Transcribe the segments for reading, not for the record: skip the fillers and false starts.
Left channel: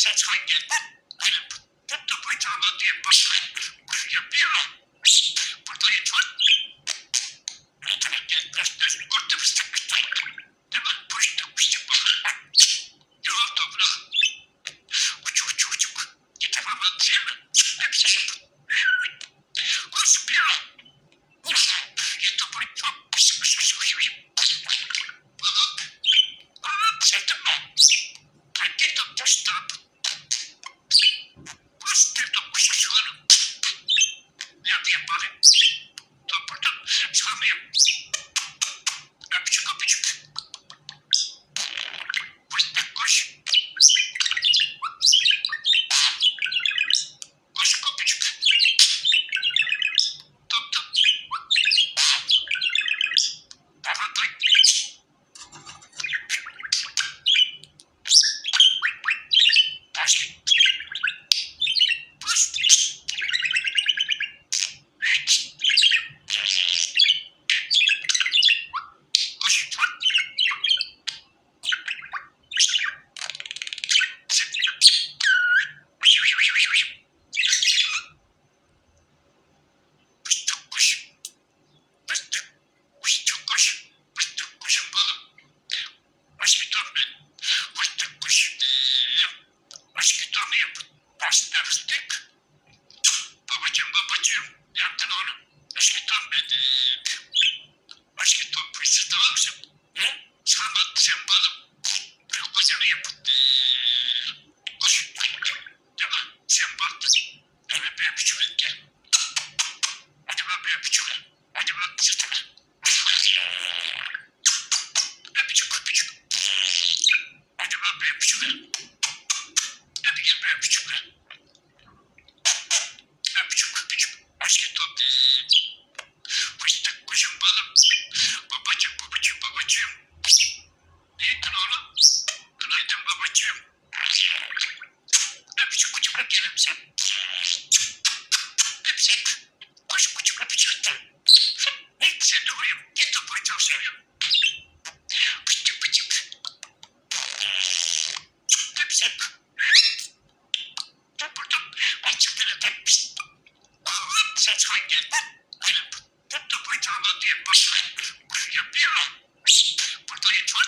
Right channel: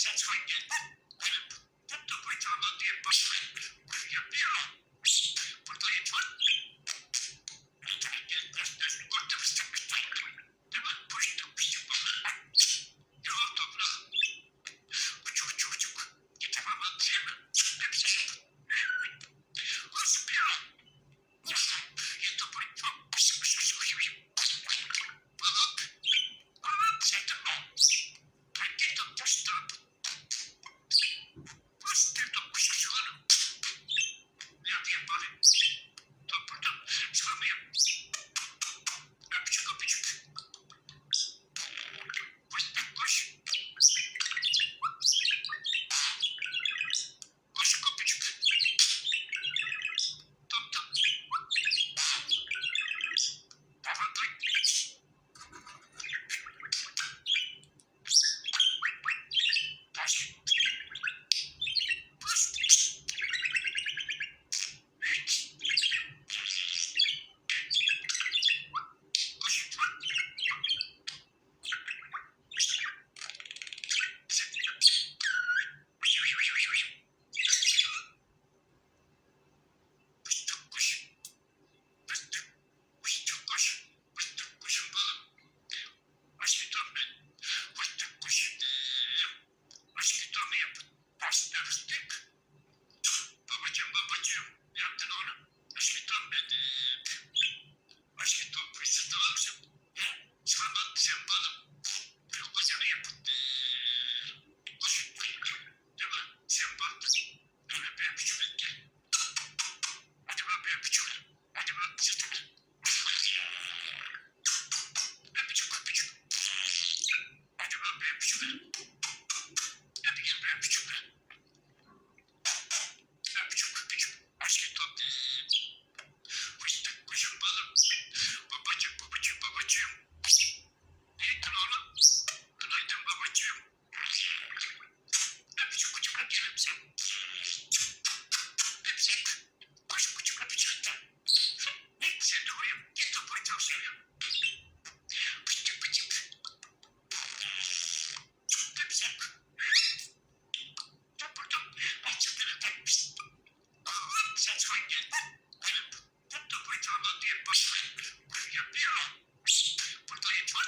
Ses hangi? Tuttu bıçağına diye başlayın. Yapıyor. Burada yatıyor. Orta fıstık fıstık. Değil mi? Fıstık fıstık bana. Yol toprak. Uçuk uçuk uçuk. Yetemem değil mi? Hepsi yapın. Koş bir an. Yeter bıçak. Pıs pıs pıs pıs. Balık. Balık. Sevdim mi? Hangi tuttu stop? Bastırdım kuşuşları. Nerede yaparım? Topladım. Çıkamıyorum. Öpücük öpücük. Fıstık koş. Koş öpücük. Top top. Baratay. Taş. Pıs. Koş. Fıstık koş. Fıstık. Fıstık koş. Fıstık koşun balım. Başka ben. Fıstık koş. Başka torunu yapın. Başka fıstık. Babacığım babacığım. Yaptın onu. Başka torun benim. Başka torun fıstık tamam mısın? Ne? Sen balım. Büyük kocanı yapın. Koş. Değil mi? Sen baktın. Evet benim küçüğüm gel. Hadi bak benim küçüğüm. Hadi bak sırtına. Öpücük öpücük. Hadi bak benim küçüğüm. Hadi gel benim küçüğüm. Öpücük öpücük. Başka top. Fıstık kuşum balım. Babacığım babacığım babacığım. Neydin oğlum? Günaydın babacığım. Öpücük küçük öpücük sen. Öpücük. Koş küçük öpücük. Sen de uyum. Git topu çok seviyorum. Fıstık fıstık. Öpücük. Topladım. Açıkları tepmiş. Oğlum ses hangi? Tuttu bıçağına diye başlayın. Yapıyor. Burada yatıyor.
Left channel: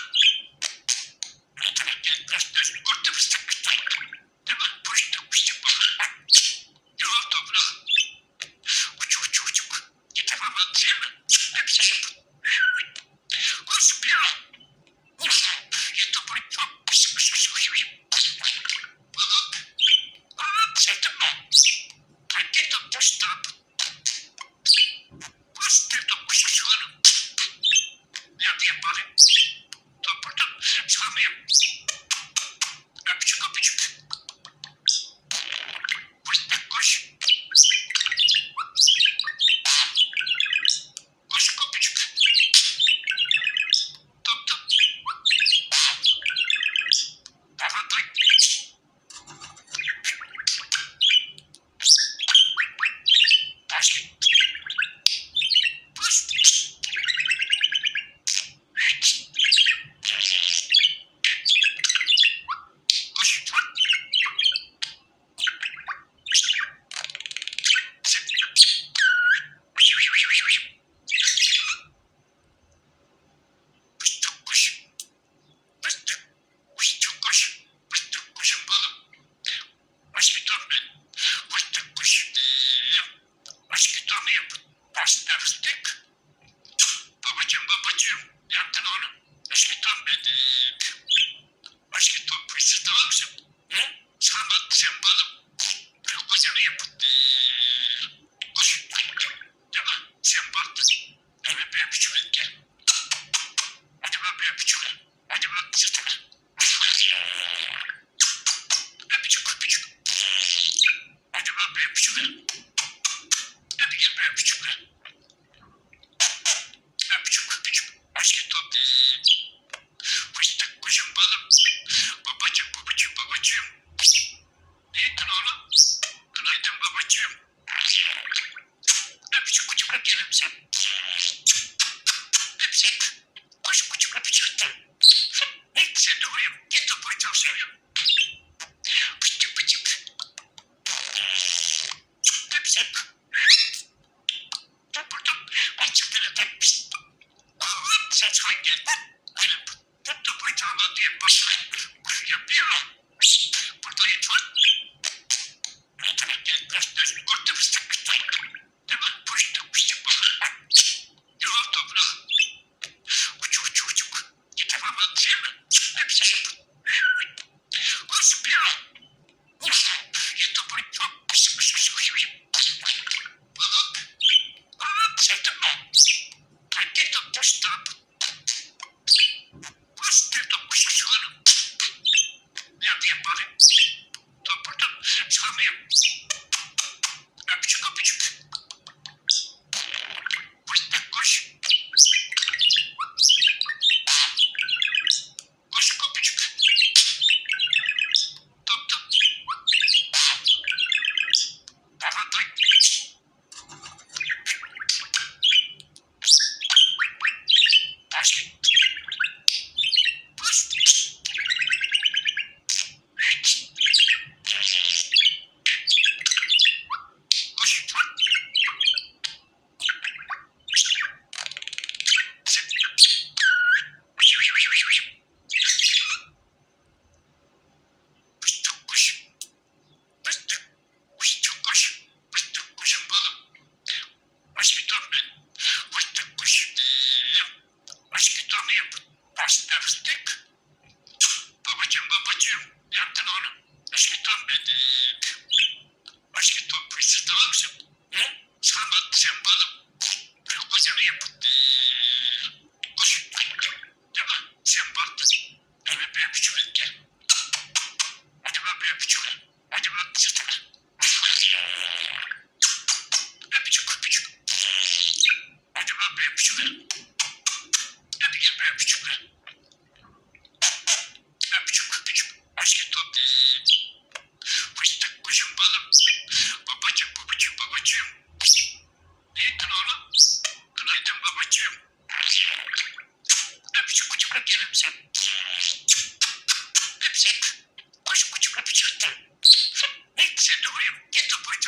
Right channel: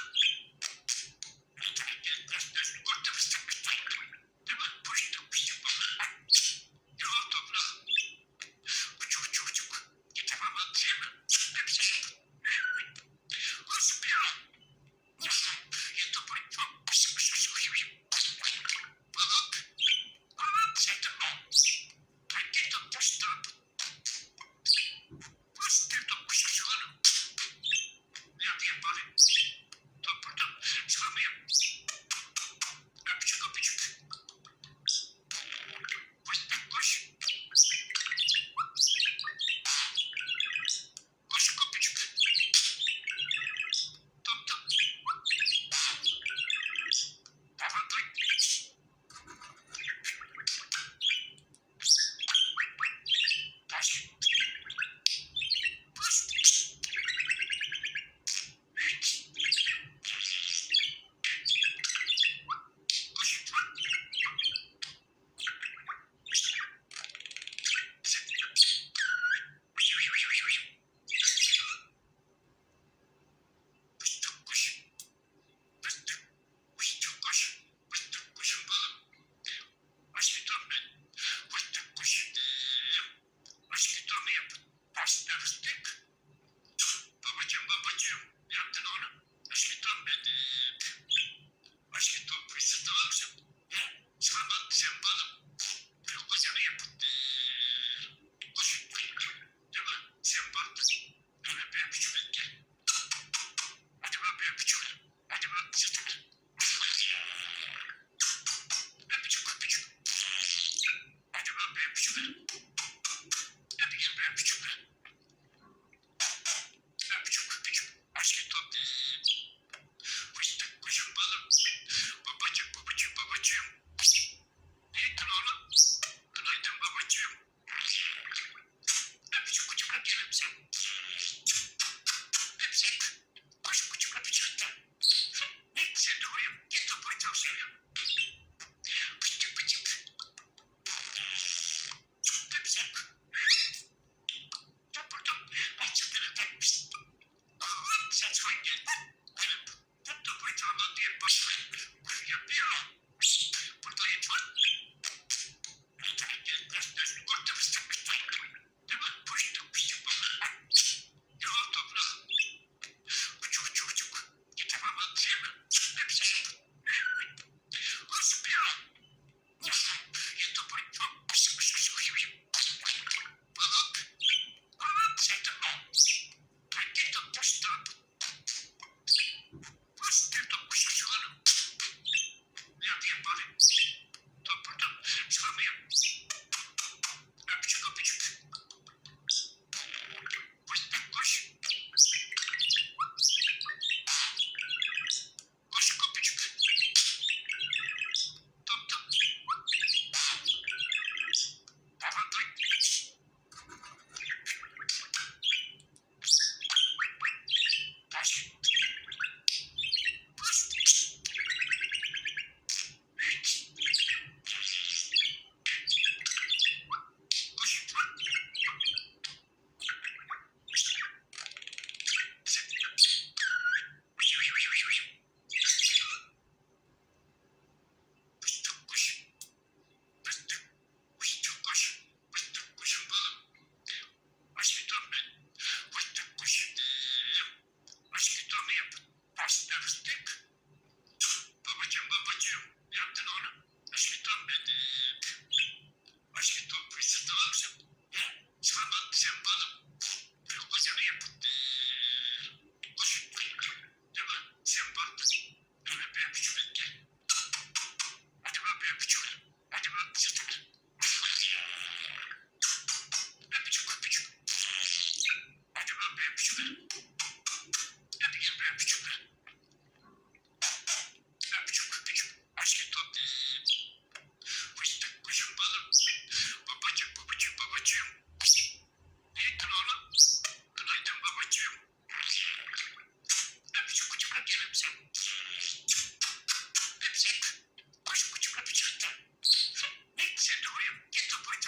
Orta fıstık fıstık. Değil mi? Fıstık fıstık bana.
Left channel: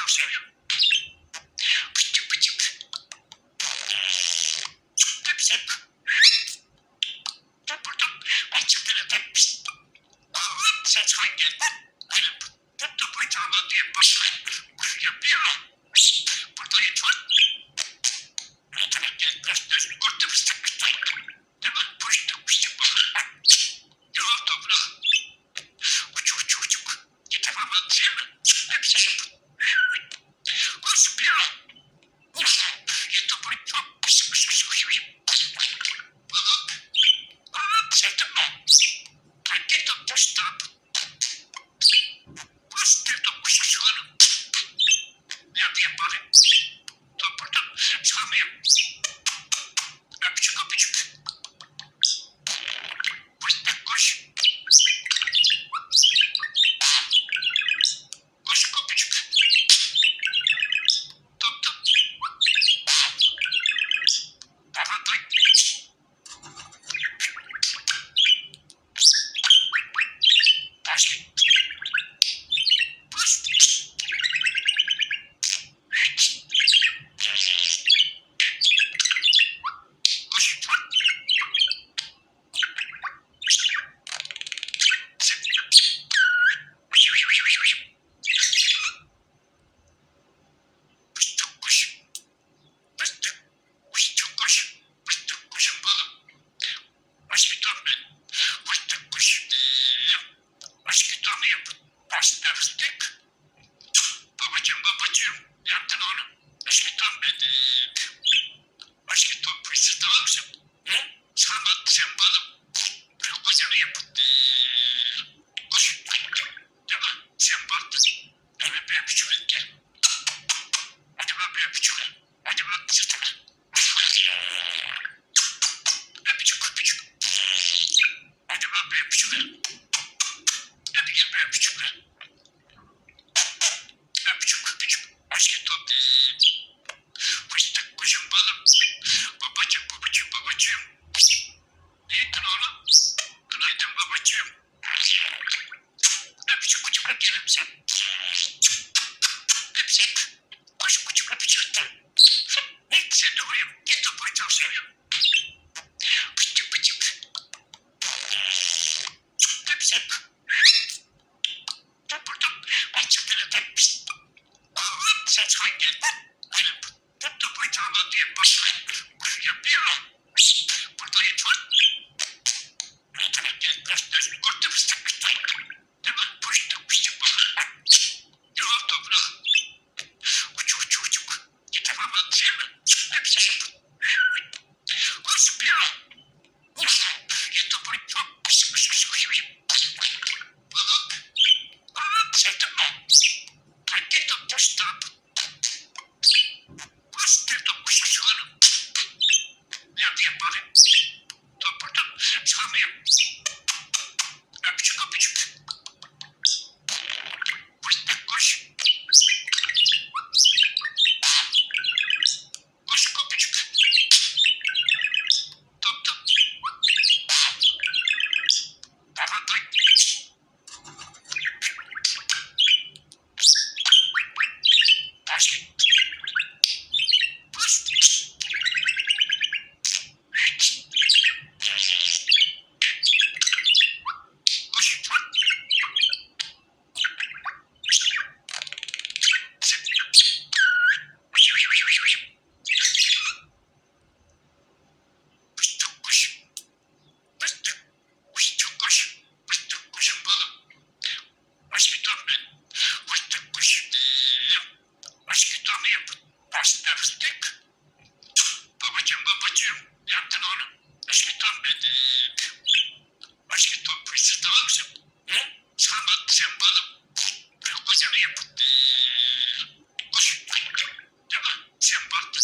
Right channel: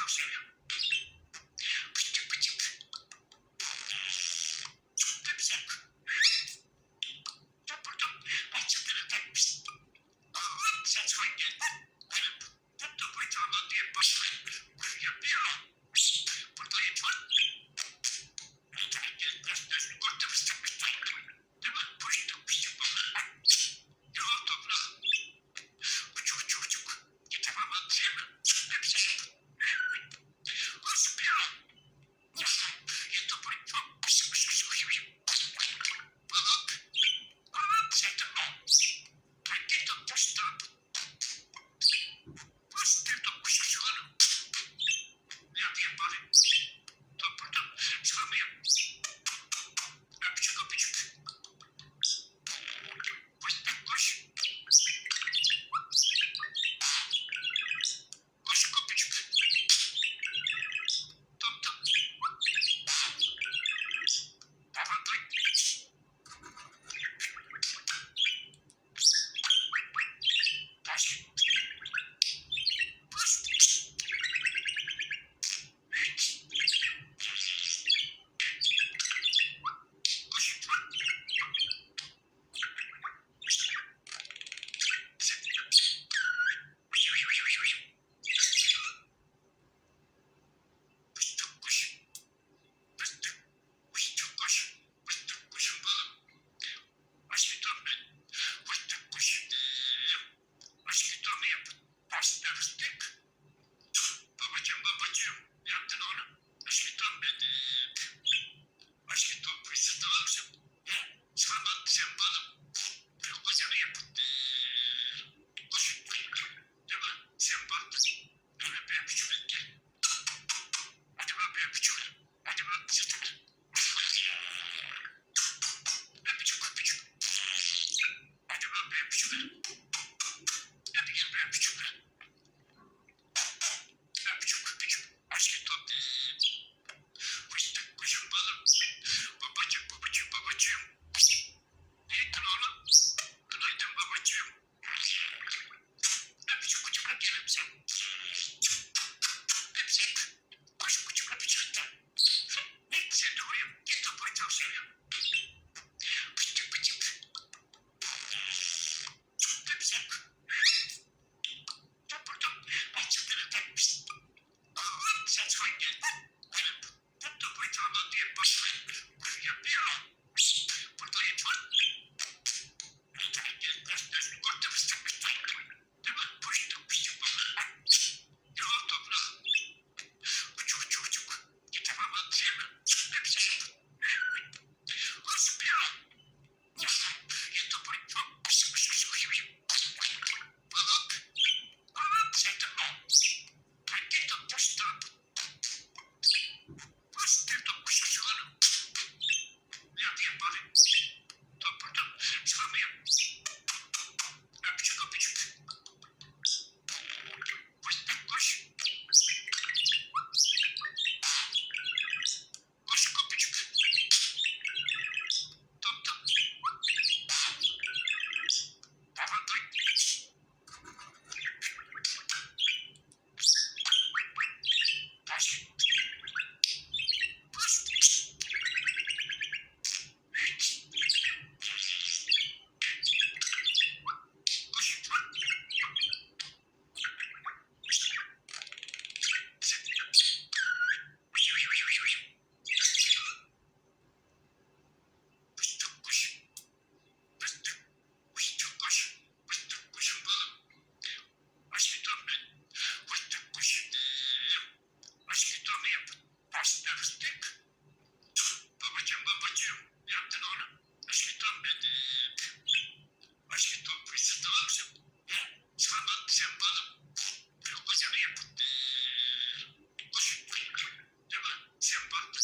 çok seviyorum. Pıçık pıçık. Hepsi. Burada açıkları tepmiş. Ses hangi? Burada buyurma diye başlayıp yapıyor. Burada yatıyor. Yetenekli gösterisi kurdu fıstık fıstık. Hemen puştuk fıstık bakalım. Yol toprağı. Uçuk uçuk uçuk. Yetemem değil mi? Hepsi yapın. Koşup ya. Yeter buyurma. Pısık pısık pısık. Balık. Sevdim mi? Hangi doktor stop? Bastırdım kuşuşlarım. Ne yapayım bari? Topladım. Sağmayayım. Öpücük öpücük. Fıstık koş. Koş öpücük. Tuttum. Babaday. Başka. Fıstık. Koş. Fıstık koş. Fıstık. Fıstık koş. Fıstık koşun balım. Başka ben. Fıstık koş. Başka torunu yapın. Başka fıstık. Babacığım. Yaptın onu. Başka ton benim. Başka ton fıstık almışım. Ne? Sen balım. Kocanı yapın. Koş. Tamam. Sen baktın. Evet ben küçük gel. Hadi ben küçük. Hadi ben sırtıma. Öpücük. Hadi ben küçük. Hadi gel ben küçük. Öpücük. Başka top değil. Fıstık kuşum balım. Babacığım. Ne ettin oğlum? Günaydın babacığım. Öpücük gel sen. Öpücük. Koş öpücük. Ne sen de uyuyum. Git topuyu çok seviyorum. Pıçık. Öpücük. Burada açıkları tepmiş. Ses hangi? Burada buyurma diye başlayıp yapıyor. Burada yatıyor. Yetenekli gösterisi kurdu fıstık fıstık. Hemen puştuk fıstık bakalım. Yol toprağı. Uçuk. Yetemem değil mi? Hepsi yapın. Koşup ya. Yeter buyurma. Pısık. Balık. Sevdim mi? Hangi doktor stop? Bastırdım kuşuşlarım. Ne yapayım bari? Topladım. Sağmayayım. Öpücük. Fıstık koş. Koş öpücük. Tuttum. Babaday. Başka. Fıstık. Koş. Fıstık koş. Fıstık koş. Fıstık kuşun balım. Başka ben. Fıstık koş. Başka torunu yapın. Başka fıstık. Babacığım. Yaptın onu. Başka ton benim. Başka ton fıstık almışım. Ne? Sen balım. Kocanı yapın. Koş. Tamam. Sen baktın.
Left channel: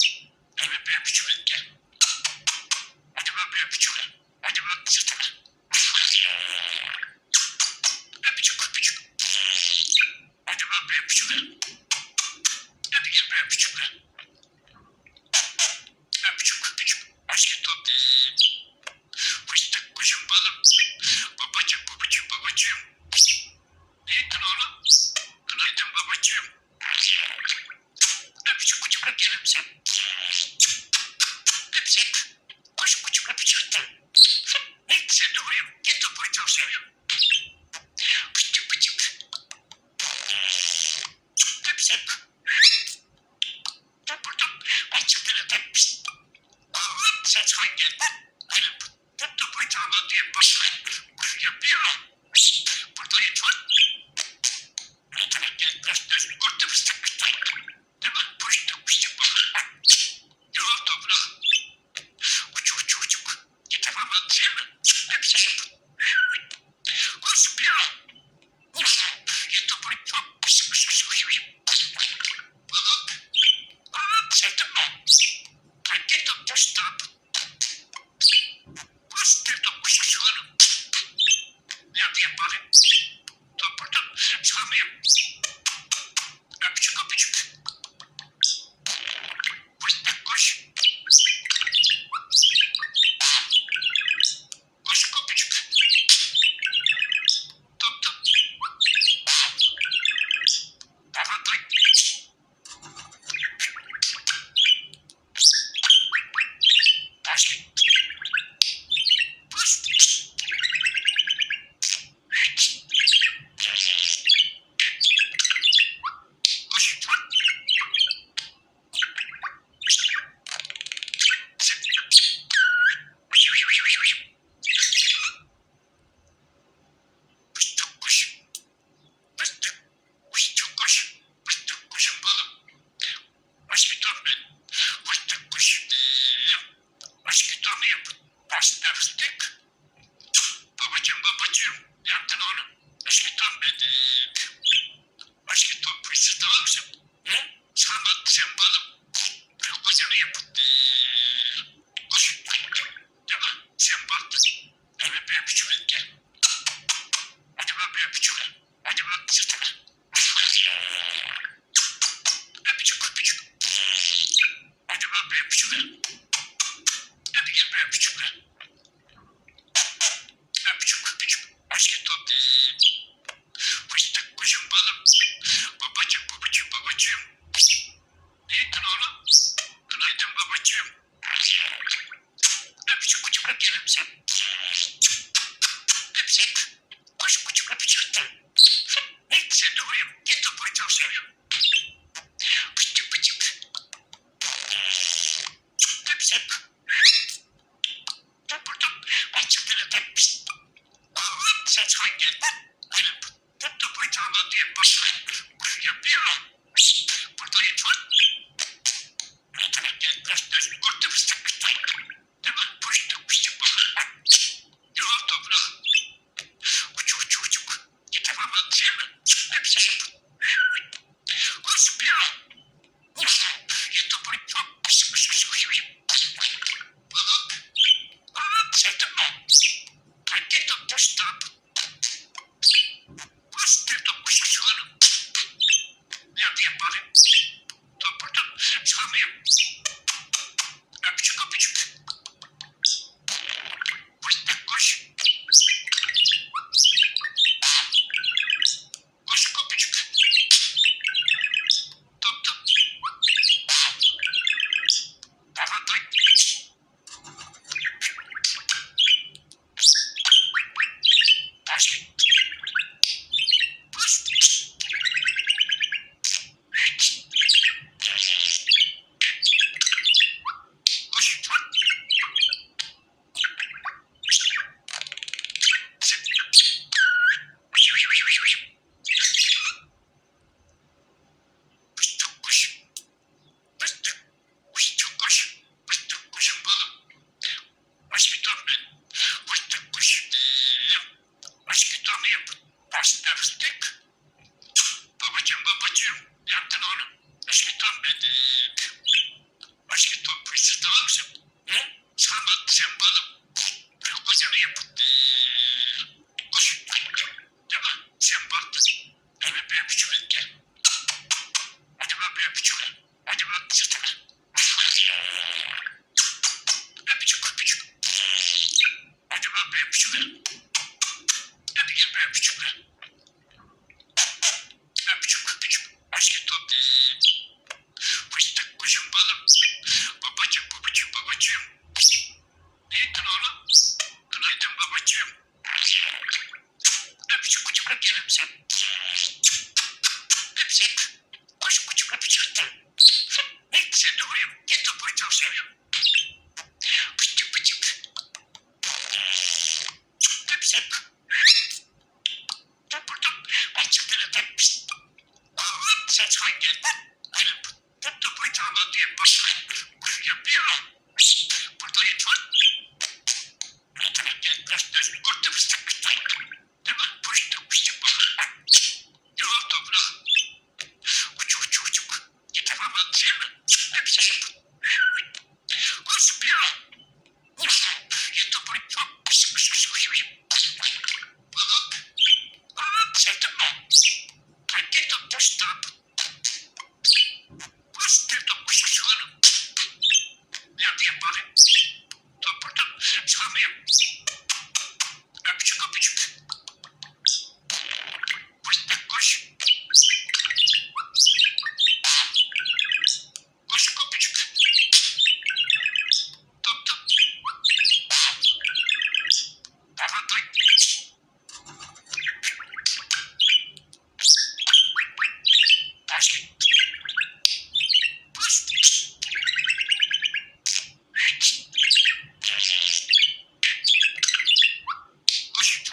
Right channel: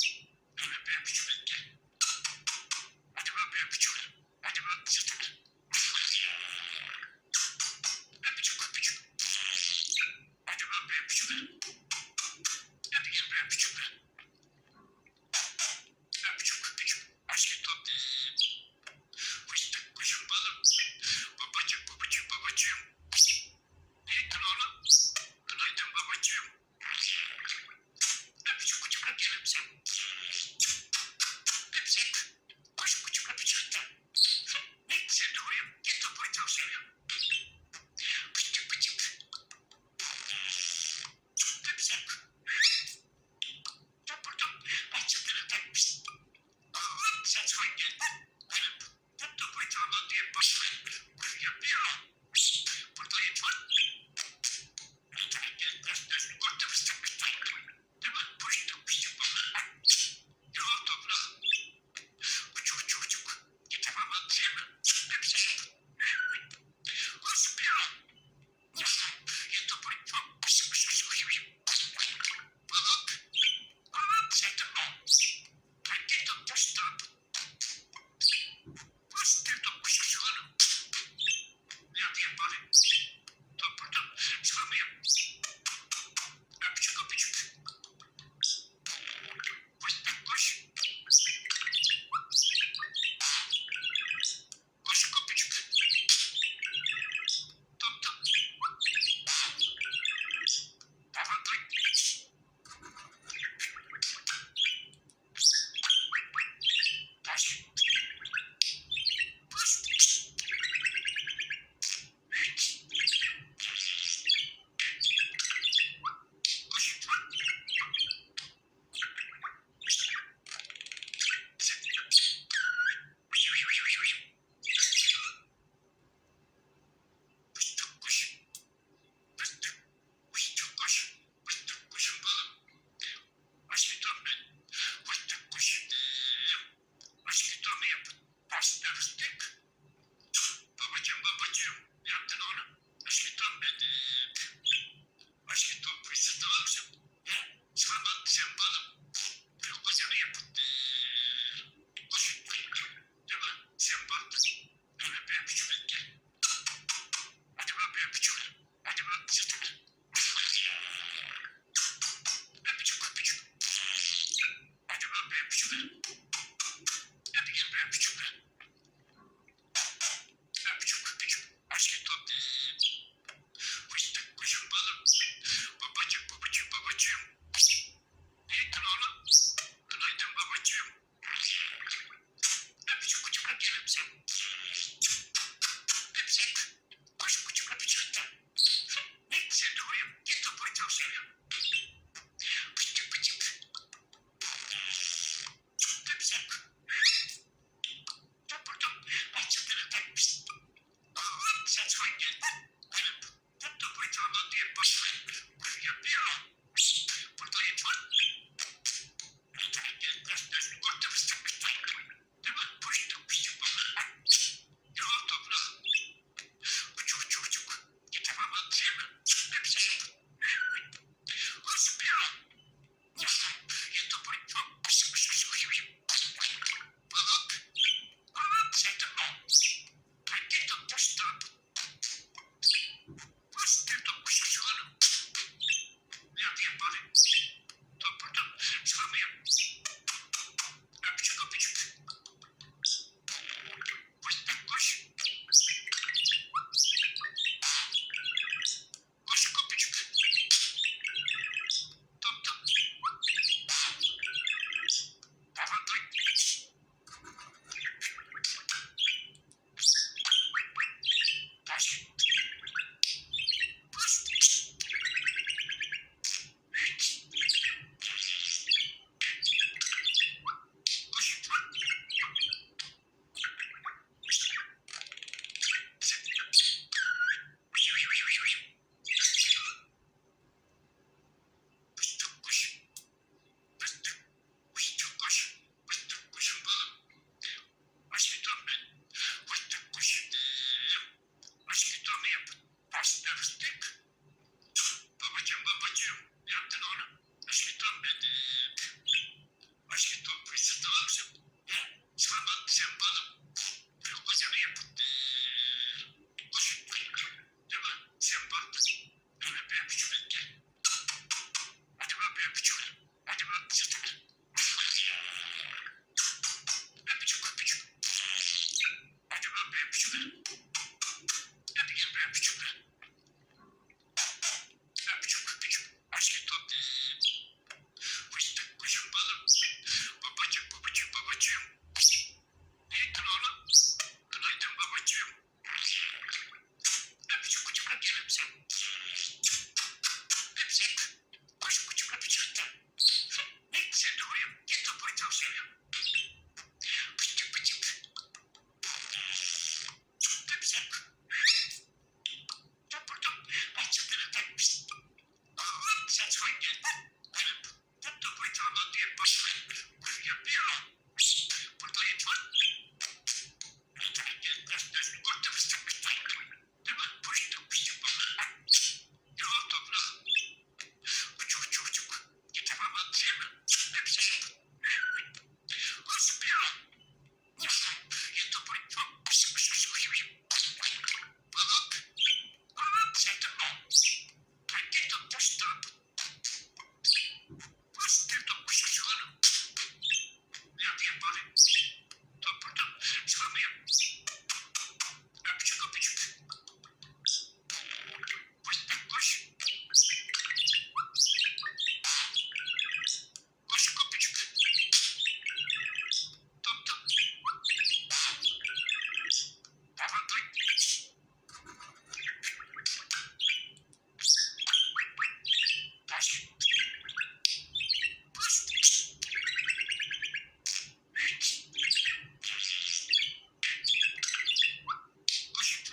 Evet ben küçük gel. Hadi ben küçük. Hadi ben sırtıma. Öpücük. Hadi ben küçük. Hadi gel ben küçük. Öpücük. Başka top değil. Fıstık kuşum balım. Babacığım. Ne ettin oğlum? Günaydın babacığım. Ses hangi? Tuttu bıçağına diye başlayıp yapıyor. Burada yeter. Göstersin kurtu fıstık. Değil mi? Fıstık fıstık balık. Yol toprağı. Uçuk uçuk uçuk. Yeter ama değil mi? Hepsi yapın. Koş bir yol. Yeter bıçak. Fıstık fıstık fıstık. Balık. Balık. Sevdim mi? Hangi tuttu stop? Fıstık kuşuşuyorum. Nerede yapalım? Topradan çıkamıyorum. Öpücük öpücük. Fıstık koş. Koş öpücük. Top top. Tamam tay. Taş. Fıstık. Koş.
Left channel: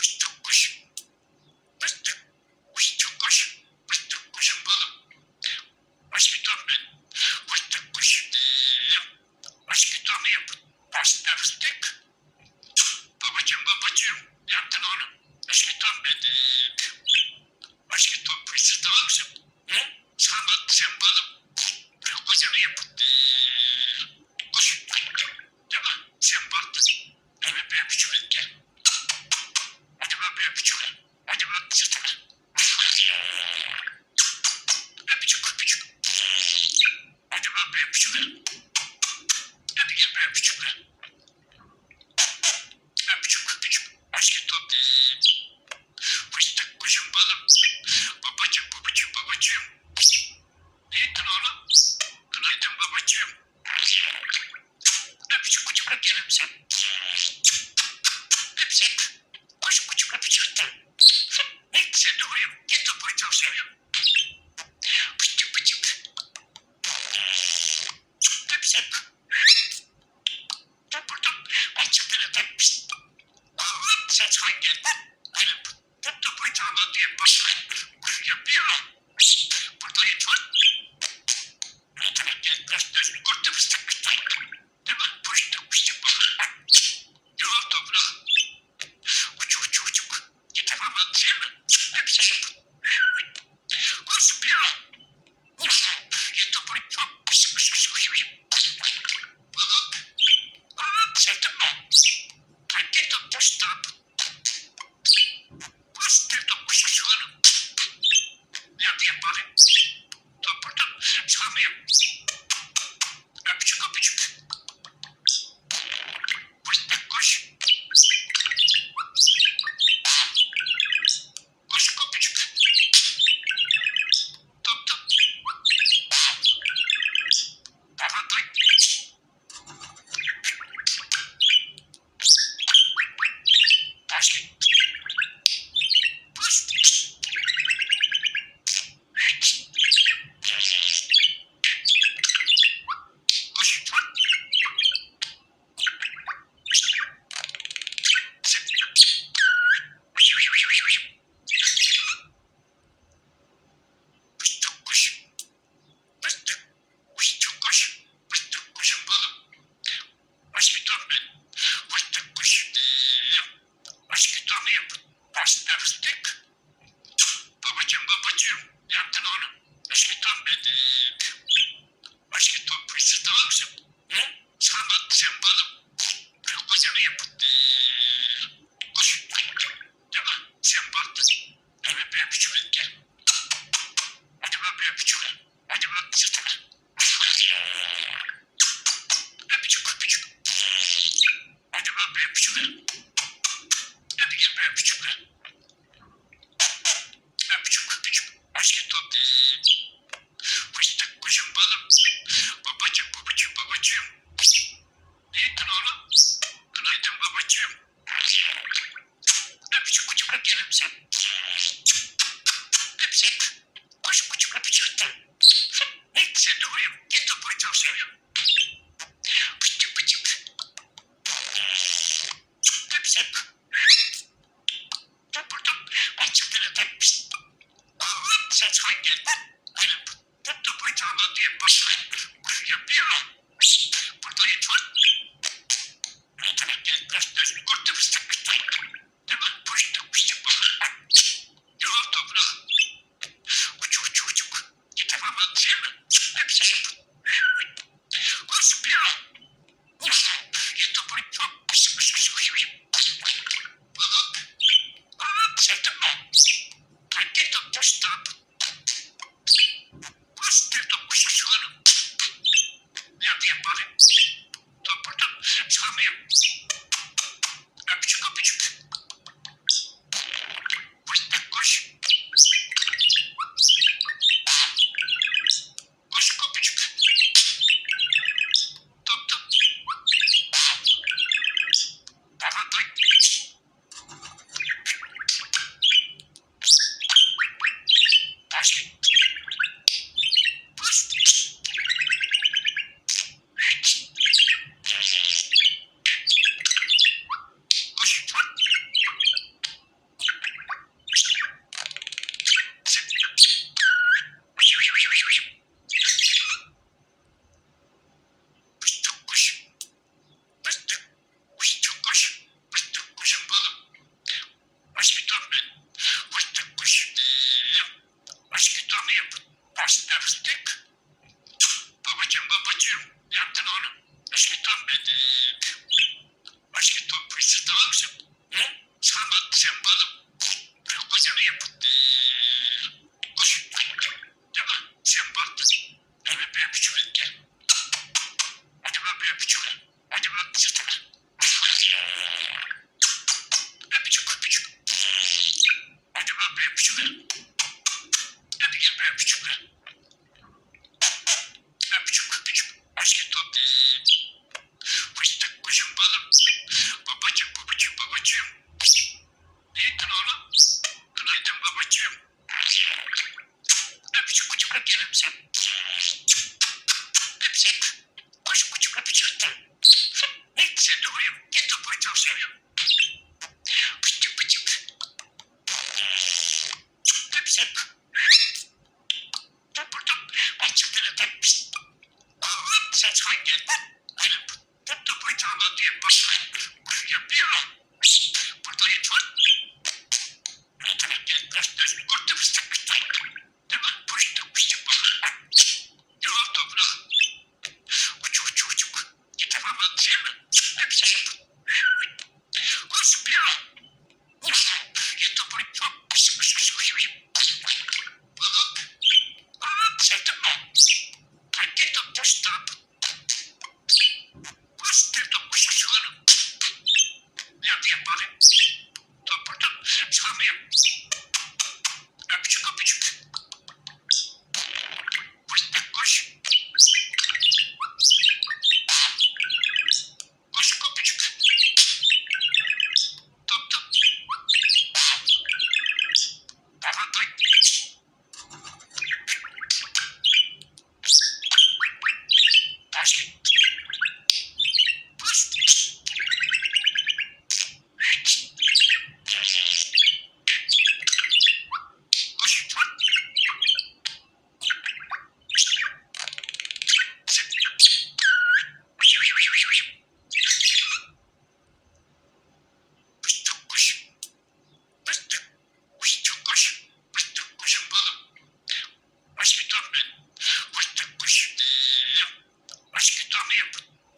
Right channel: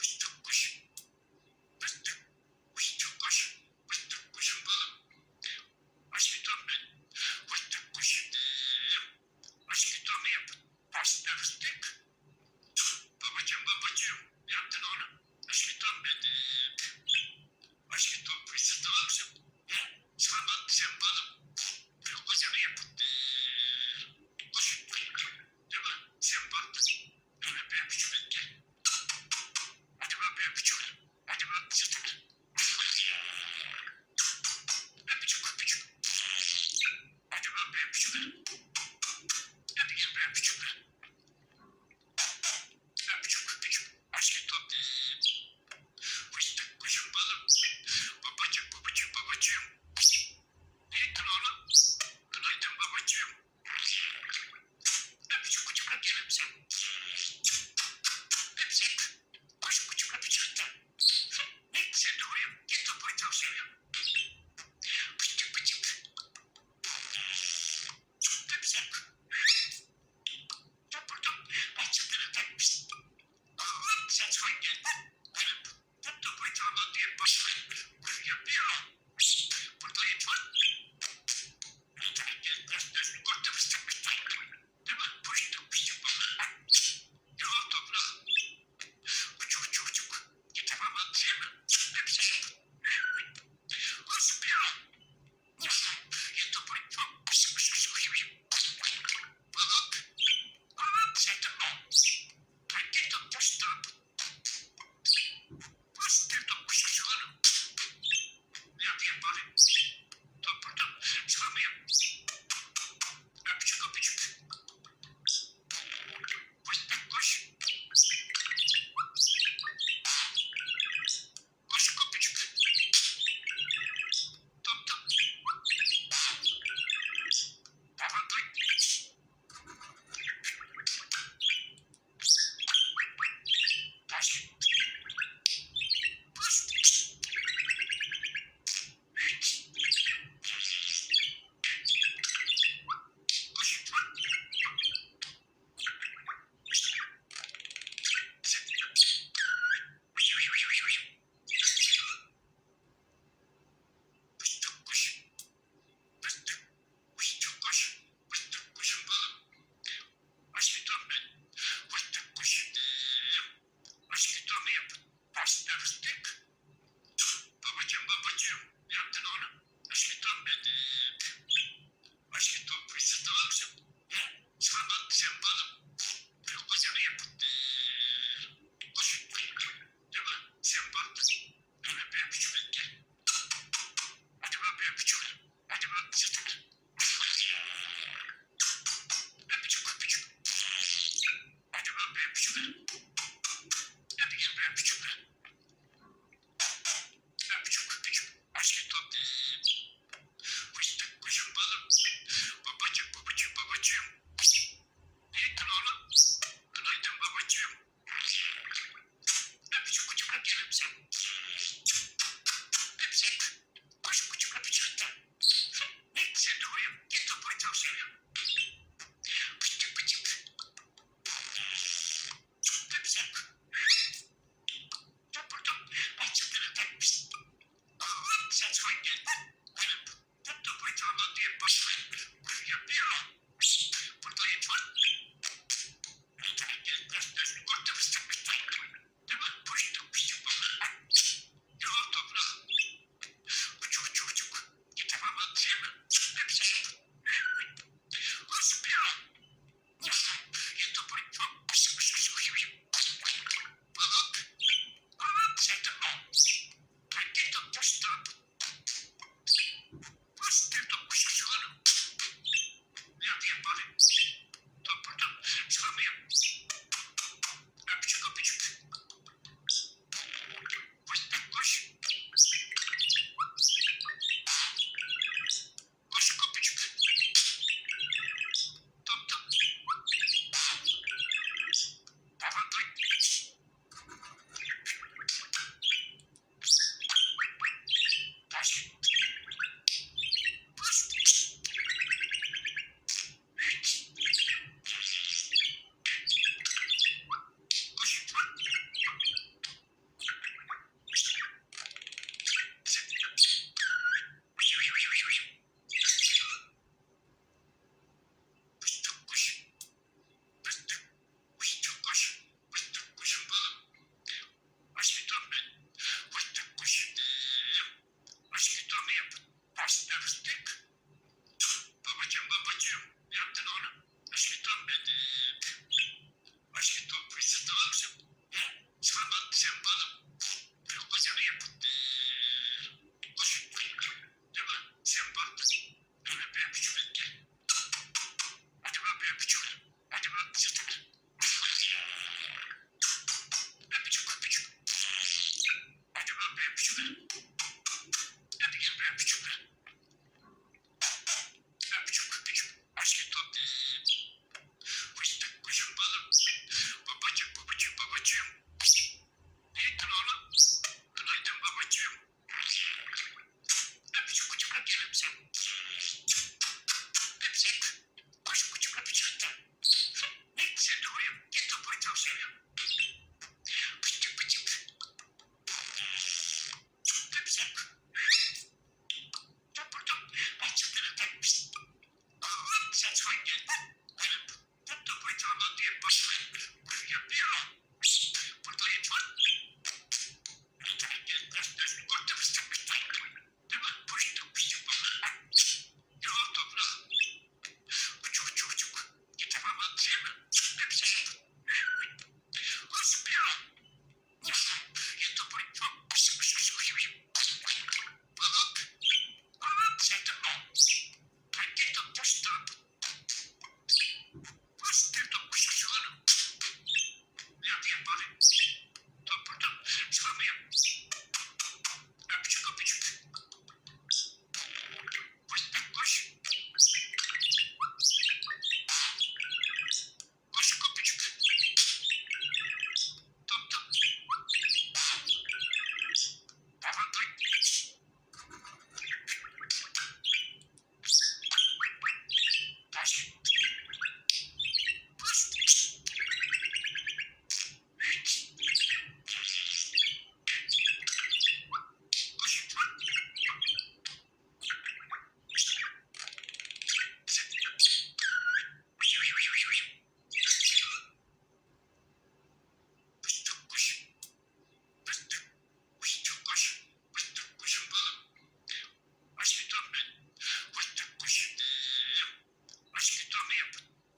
Fıstık koş. Fıstık. Fıstık koş. Fıstık kuşun balım. Baş bir ton ben. Fıstık kuş. Baş bir ton yap. Başta fıstık. Babacım babacım. Yaptın onu. Baş bir ton ben. Baş bir ton fıstık tamam mısın? Sen balım. Büyük kocanı yap. Koş. Değil mi? Sen baktın. Evet ben küçüğüm gel. Hadi bak ben küçüğüm. Hadi bak sırtıma. Öpücük öpücük. Hadi bak ben küçüğüm. Hadi gel ben küçüğüm. Öpücük öpücük. Aşkı top. Fıstık kuşum balım. Babacım babacım babacım. Ne ettin oğlum? Günaydın babacım. Öpücük küçük öpücük sen. Öpücük. Koş küçük öpücük. Sen de uyum. Git de boyutam seviyorum. Fıstık fıstık. Öpücük. Burada açıkları öpmüş. Ses hangi? Tuttu bıçağına diye başlayıp yapıyor. Burada yeter. Göstersin kurtu fıstık. Değil mi? Fıstık fıstık balık. Yol toprağı. Uçuk uçuk uçuk. Yeter ama değil mi? Hepsi yapın. Koş bir yol. Yeter bıçak. Fıstık fıstık fıstık. Balık. Balık. Sevdim mi? Hangi tuttu stop? Fıstık kuşuşuyorum. Nerede yapalım? Topradan çıkamıyorum. Öpücük öpücük. Fıstık koş. Koş öpücük. Top top. Tamam tay. Taş. Fıstık. Koş. Fıstık kuş. Fıstık. Fıstık kuş. Fıstık kuşun balım. Baş bir ton ben. Fıstık kuş. Baş bir ton yap. Başta fıstık. Babacım babacım. Yaptın onu. Baş bir ton ben. Baş bir ton fıstık tamam mısın? Sen balım. Büyük kocanı yap. Koş. Değil mi? Sen baktın. Evet ben küçüğüm gel. Hadi bak ben küçüğüm. Hadi bak sırtıma. Öpücük öpücük. Hadi bak ben küçüğüm. Hadi gel ben küçüğüm. Öpücük öpücük. Aşkı top. Fıstık kuşum balım. Babacım babacım babacım. Ne ettin oğlum? Günaydın babacım.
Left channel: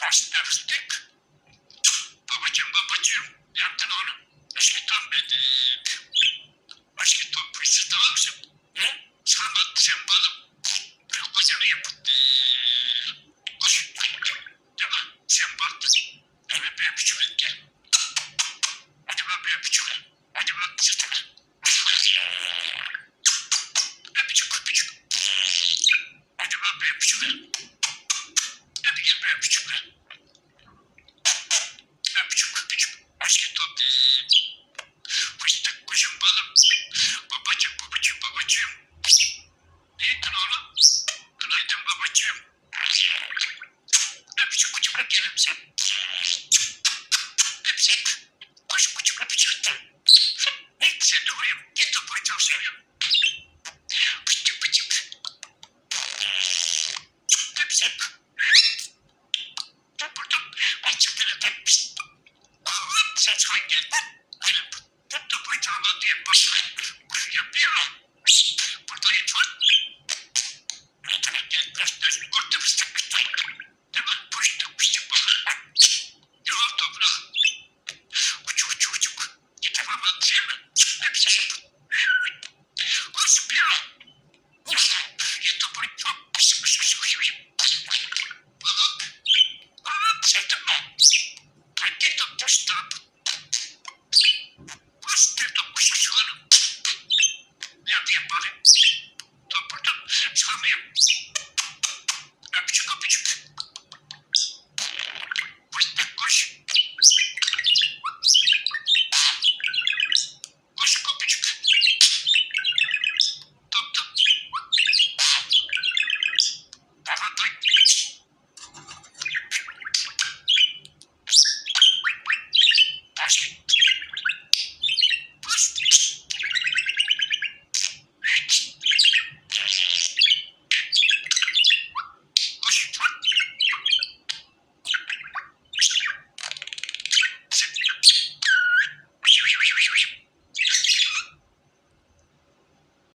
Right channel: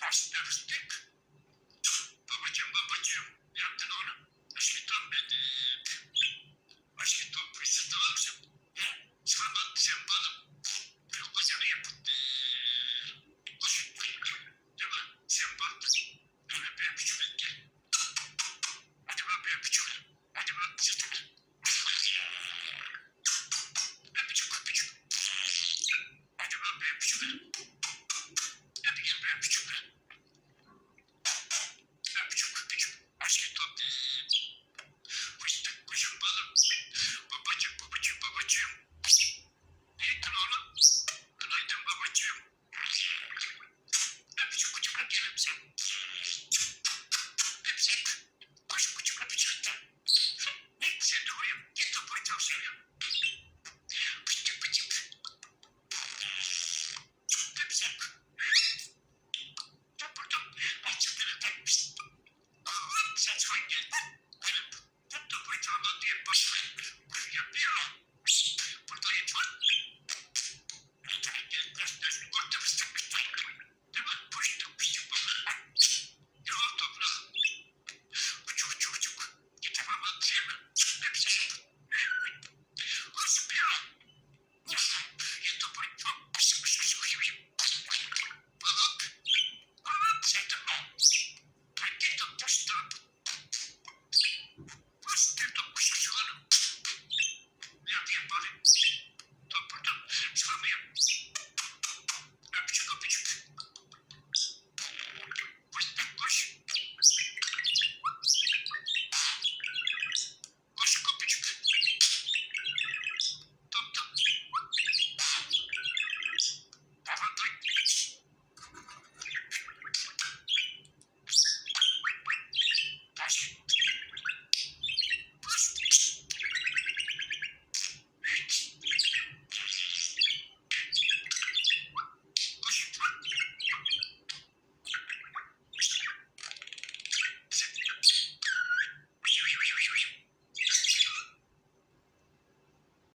Pasta fıstık. Babacığım. Ne yaptın oğlum? Aşkım benim. Aşkım fıstık almışım. Ne? Sen balım. Kocanı yaptı.